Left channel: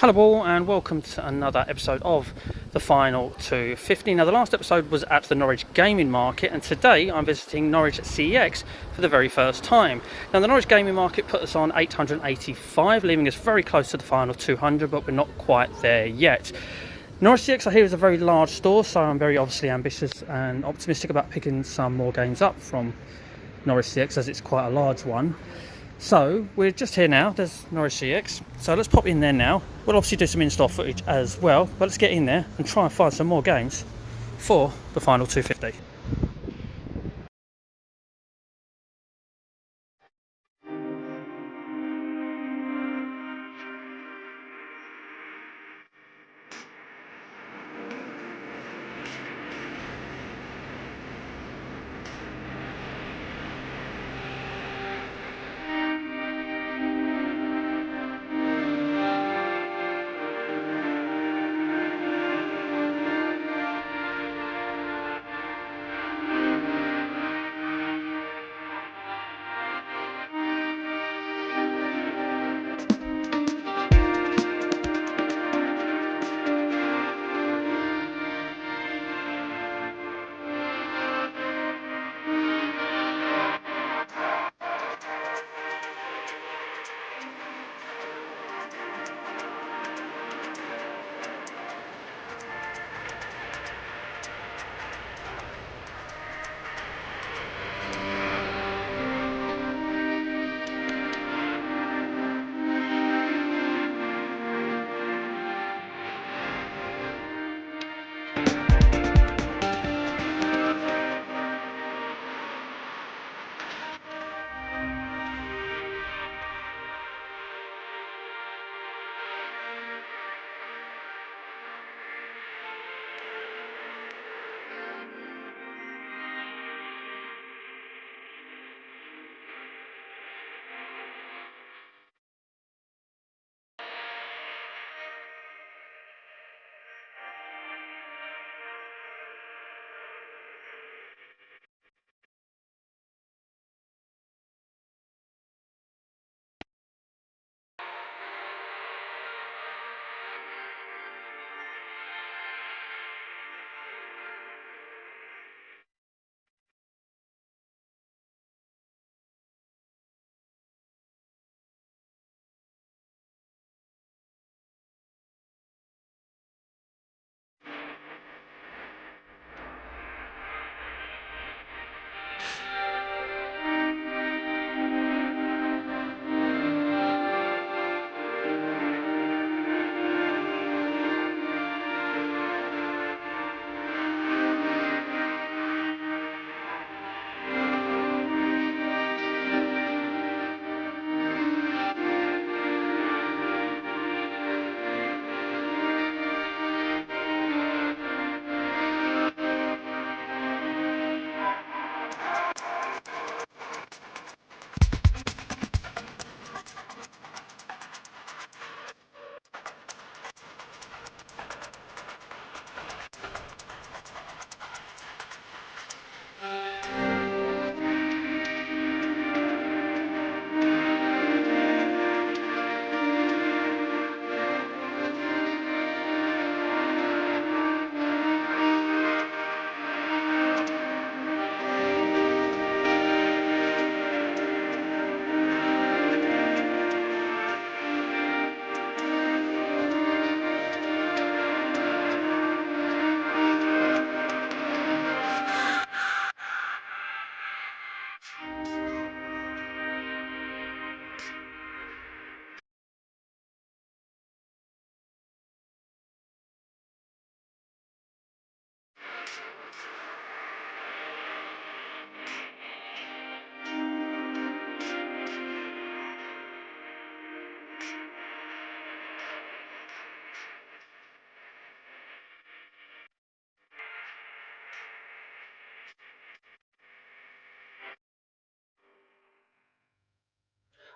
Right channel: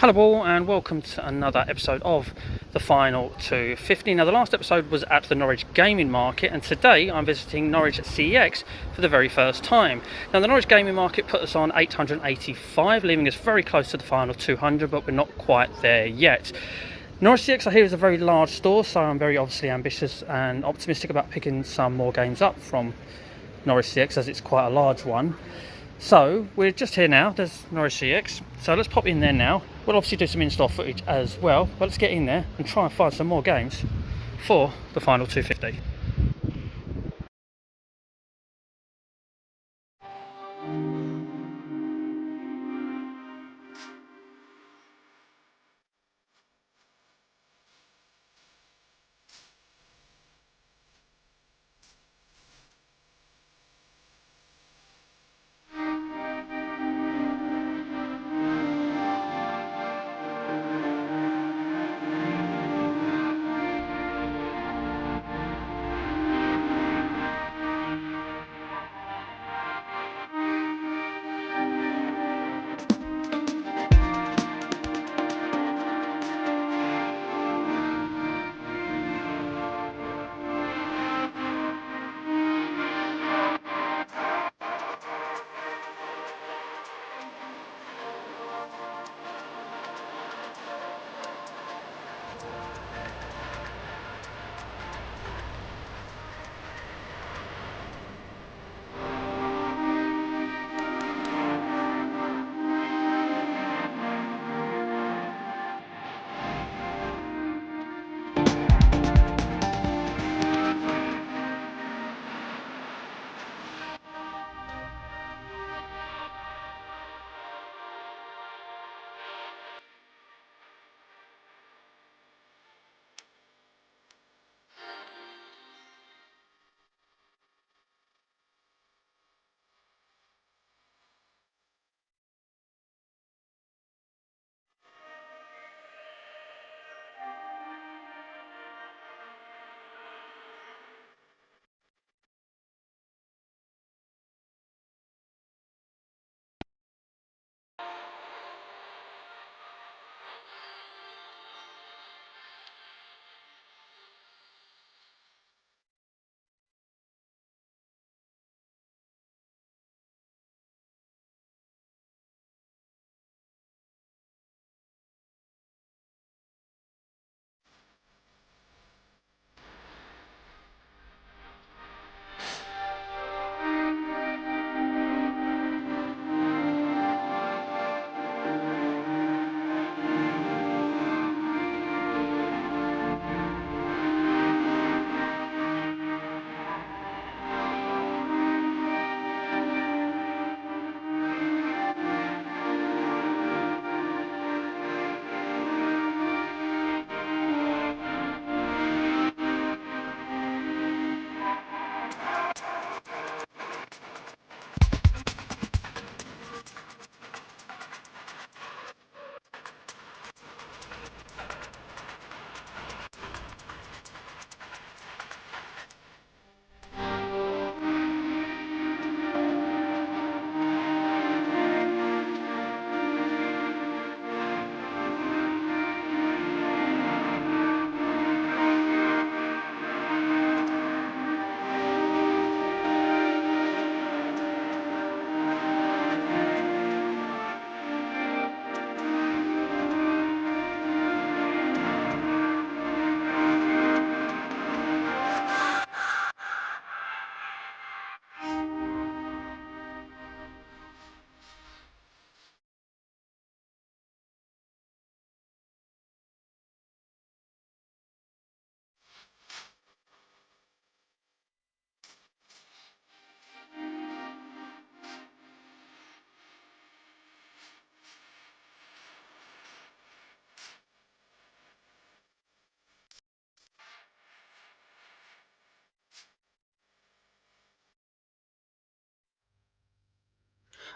Hello all and welcome to another episode of the Final 250. Now the last episode was at the Norwich Gaming Market and today I'm visiting Norwich CEX for the very first time. Now the Norwich Gaming Market put us on 885, leaving us very close to the final 200, but we're not quite there yet. Norwich CEX I hear is a very large store, so I'm very obviously ambitious and optimistic about picking some more games up from Norwich CEX as it's quite a large one. So we're just here now, there's Norwich CEX, so let's pop in there now. We'll obviously do some in-store footage as well, but let's get in there and try and find some more games for the final 250.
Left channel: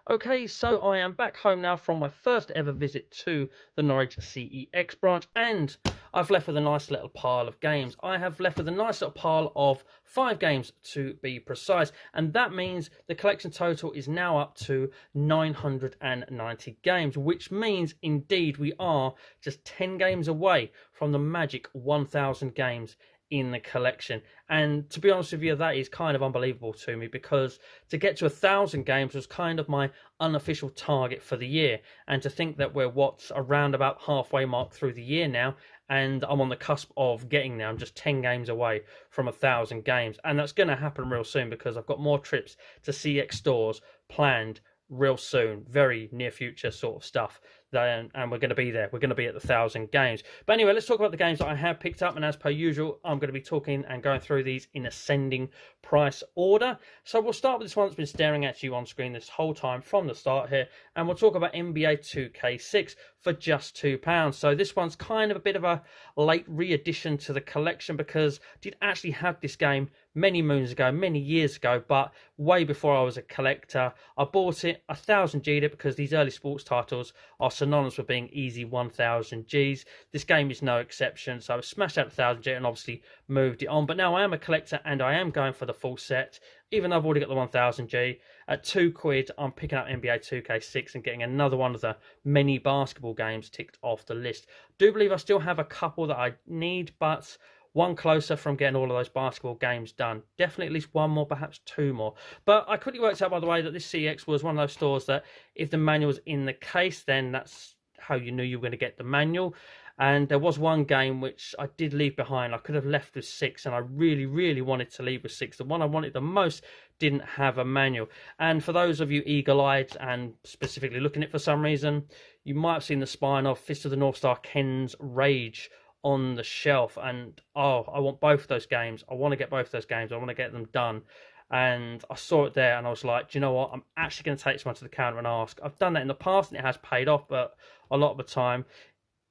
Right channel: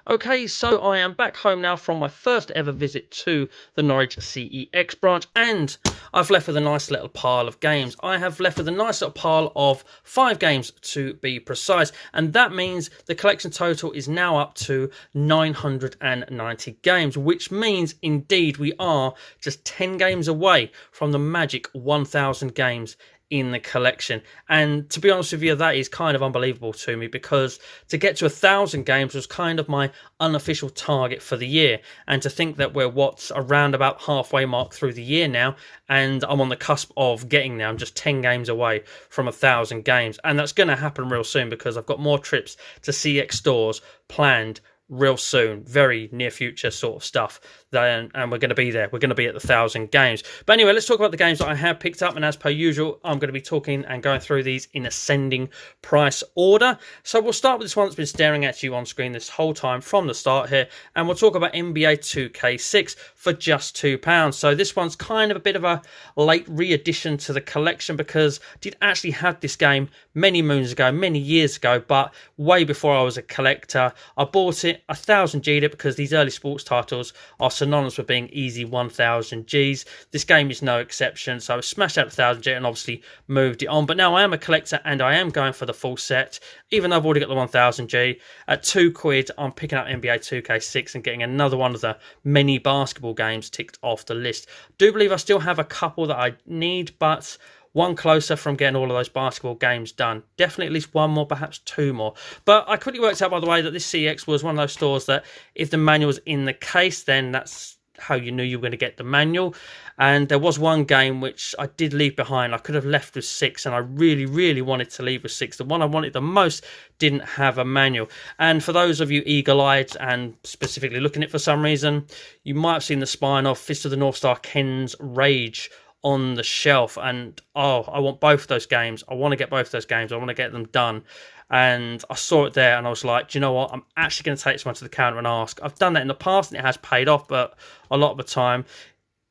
Okay, so I am back home now from my first ever visit to the Norwich CEX branch, and I've left with a nice little pile of games. I have left with a nice little pile of 5 games to be precise, and that means the collection total is now up to 990 games, which means indeed we are just 10 games away from the magic 1000 games in the collection. And to be honest with you, that is kind of unbelievable to me, because to get to 1,000 games was kind of my unofficial target for the year. And to think that we're around about halfway mark through the year now, and I'm on the cusp of getting there. I'm just 10 games away from 1,000 games, and that's going to happen real soon, because I've got more trips to CX stores planned real soon, very near future sort of stuff. And we're going to be there. We're going to be at the 1,000 games. But anyway, let's talk about the games that I have picked up. And as per usual, I'm going to be talking and going through these in ascending price order. So we'll start with this one that's been staring at you on screen this whole time from the start here. And we'll talk about NBA 2K6 for just £2. So this one's kind of a bit of a late re-addition to the collection, because I did actually have this game many moons ago, many years ago, but way before I was a collector. I bought it, 1000 G'd it, because these early sports titles are synonymous with being easy 1000 Gs. This game is no exception, so I smashed out 1000 G and obviously moved it on. But now I am a collector and I am going for the full set, even though I've already got the 1000 G. At £2, I'm picking up NBA 2K6 and getting another one of the many basketball games ticked off the list. Do believe I still have a couple that I need, but one closer from getting all of those basketball games done. Definitely at least one more, perhaps 2 more. But I quickly worked out, by the way, that this CX was one of those stores that if the manual was in the case, then that's how you knew you were going to get the manual. And there was one game which I did leave behind. I could have left with 6, and I really, really wanted to leave with 6. The one I wanted the most didn't have a manual. And for those of you eagle-eyed and specifically looking at it for some reason, you might have seen the spine of Fist of the North Star Ken's Rage on the shelf, and I want both of those games. I want to get both of those games. I want to get them done. And I saw it there and I was like, do you know what, I'm actually going to take this one to the counter and ask. I've done that in the past and it has paid off, but a lot of the time,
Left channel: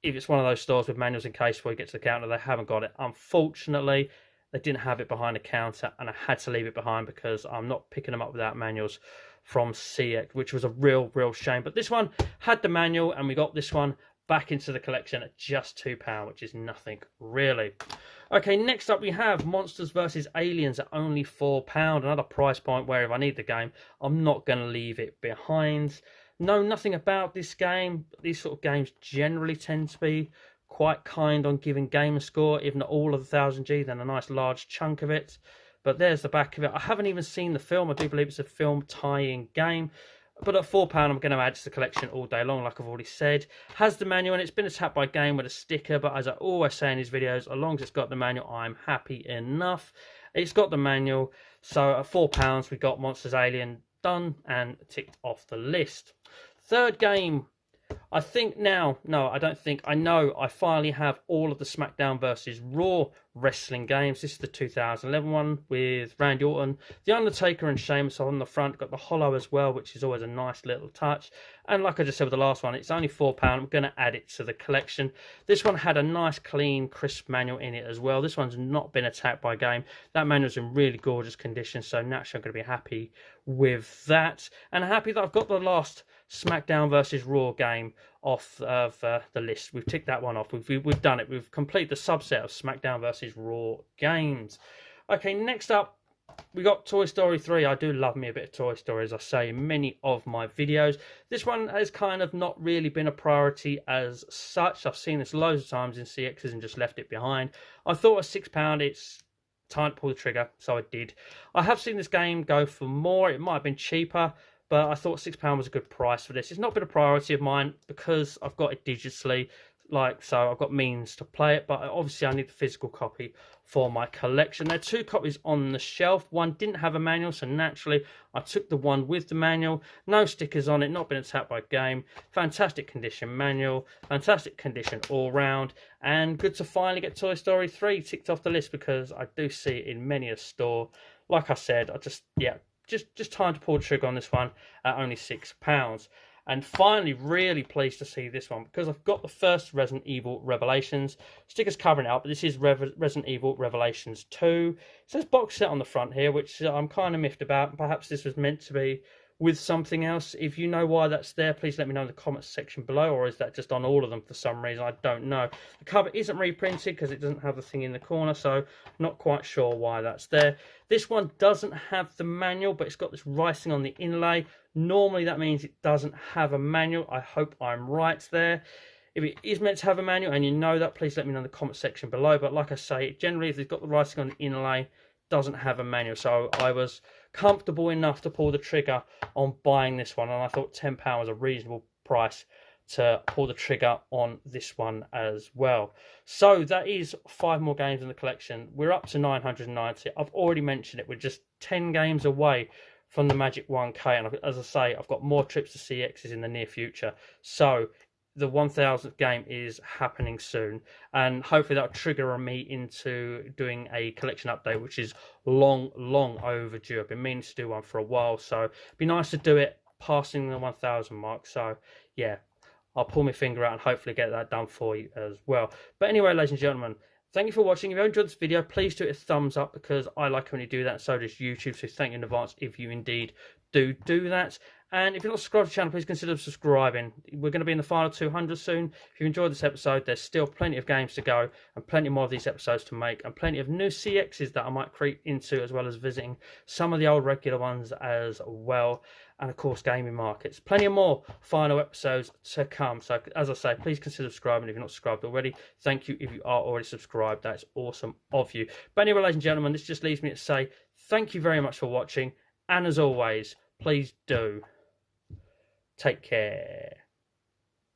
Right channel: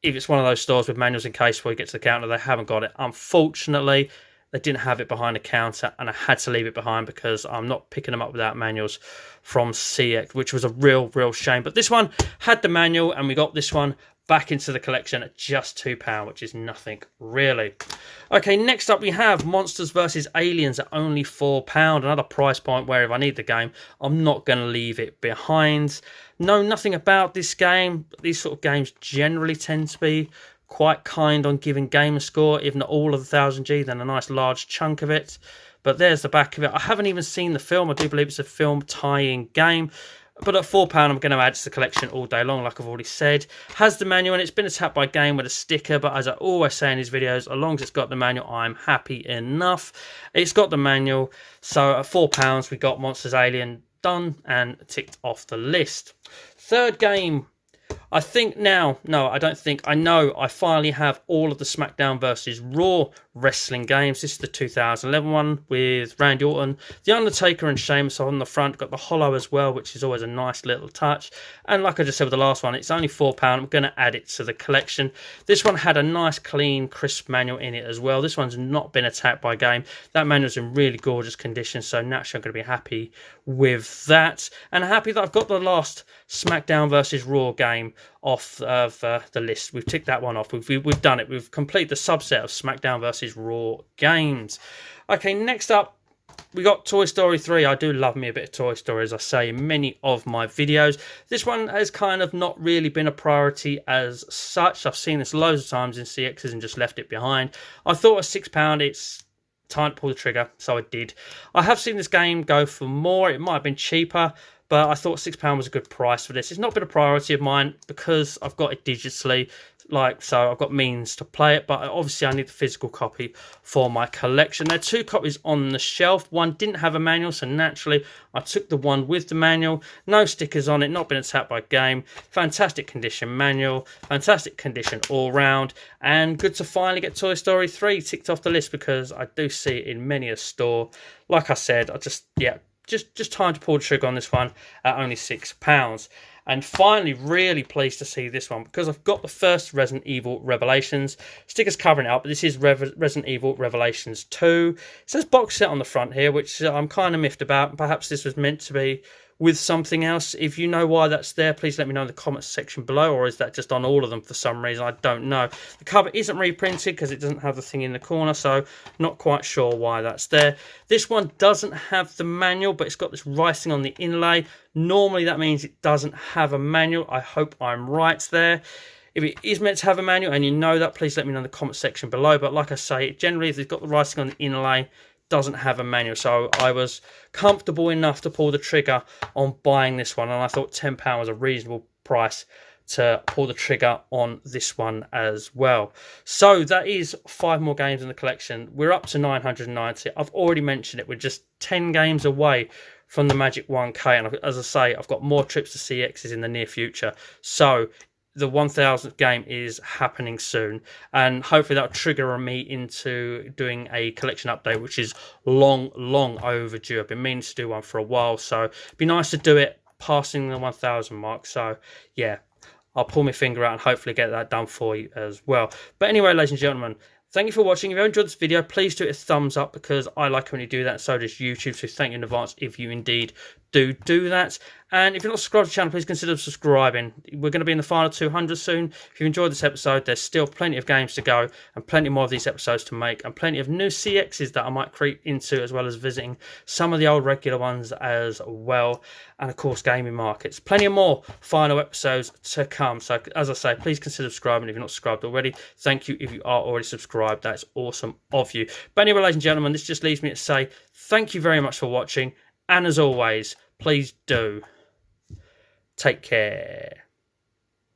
if it's one of those stores with manuals in case where you get to the counter, they haven't got it. Unfortunately, they didn't have it behind the counter, and I had to leave it behind because I'm not picking them up without manuals from CX, which was a real shame. But this one had the manual, and we got this one back into the collection at just £2, which is nothing really. Okay, next up we have Monsters vs Aliens at only £4. Another price point where if I need the game, I'm not going to leave it behind. Know nothing about this game. These sort of games generally tend to be quite kind on giving game a score, if not all of the 1000 G, then a nice large chunk of it. But there's the back of it. I haven't even seen the film. I do believe it's a film tie-in game. But at £4, I'm going to add to the collection all day long, like I've already said. Has the manual, and it's been attacked by game with a sticker, but as I always say in these videos, as long as it's got the manual, I'm happy enough. It's got the manual, so at £4, we got Monsters Alien done and ticked off the list. Third game, I think now, no, I don't think, I know I finally have all of the SmackDown vs Raw wrestling games. This is the 2011 one with Randy Orton, The Undertaker and Sheamus on the front. Got the Hollow as well, which is always a nice little touch. And like I just said with the last one, it's only £4. I'm going to add it to the collection. This one had a nice, clean, crisp manual in it as well. This one's not been attacked by game. That manual's in really gorgeous condition, so naturally I'm going to be happy with that. And happy that I've got the last SmackDown vs Raw game off of the list. We've ticked that one off. We've done it. We've completed the subset of SmackDown vs Raw games. Okay, next up, we got Toy Story 3. I do love me a bit of Toy Story, as I say in many of my videos. This one has kind of not really been a priority as such. I've seen this loads of times in CXs and just left it behind. I thought at £6, it's time to pull the trigger, so I did. I have seen this game go for more. It might have been cheaper, but I thought £6 was a good price for this. It's not been a priority of mine because I've got it digitally, so I've got means to play it, but obviously I need the physical copy for my collection. There are 2 copies on the shelf. One didn't have a manual, so naturally I took the one with the manual. No stickers on it, not been attacked by game. Fantastic condition manual, fantastic condition all round, and good to finally get Toy Story 3 ticked off the list because I do see it in many a store. Like I said, just time to pull the trigger on this one at only £6. And finally, really pleased to see this one because I've got the first Resident Evil Revelations. Stickers covering it up, but this is Resident Evil Revelations 2. It says box set on the front here, which I'm kind of miffed about. Perhaps this was meant to be with something else. If you know why that's there, please let me know in the comments section below, or is that just on all of them for some reason? I don't know. The cover isn't reprinted because it doesn't have the thing in the corner, so not quite sure why that's there. This one doesn't have the manual, but it's got this writing on the inlay. Normally that means it doesn't have a manual. I hope I'm right there. If it is meant to have a manual and you know that, please let me know in the comment section below. But like I say, generally if they've got the writing on the inlay, doesn't have a manual. So I was comfortable enough to pull the trigger on buying this one, and I thought £10 was a reasonable price to pull the trigger on this one as well. So that is 5 more games in the collection. We're up to 990. I've already mentioned it. We're just 10 games away from the magic 1k, and as I say, I've got more trips to CEXs in the near future. So the 1000th game is happening soon, and hopefully that'll trigger me into doing a collection update, which is long overdue. I've been meaning to do one for a while, so it'd be nice to do it passing the 1000 mark. So yeah, I'll pull my finger out and hopefully get that done for you as well. But anyway, ladies and gentlemen, thank you for watching. If you enjoyed this video, please do it a thumbs up, because I like when you do that, and so does YouTube. So thank you in advance if you indeed do that. And if you're not subscribed to the channel, please consider subscribing. We're going to be in the final 200 soon. If you enjoyed this episode, there's still plenty of games to go and plenty more of these episodes to make, and plenty of new CXs that I might creep into, as well as visiting some of the old regular ones as well. And of course, gaming markets. Plenty of more final episodes to come. So as I say, please consider subscribing if you're not subscribed already. Thank you if you are already subscribed. That's awesome of you. But anyway, ladies and gentlemen, this just leaves me to say thank you very much for watching. And as always, please do take care.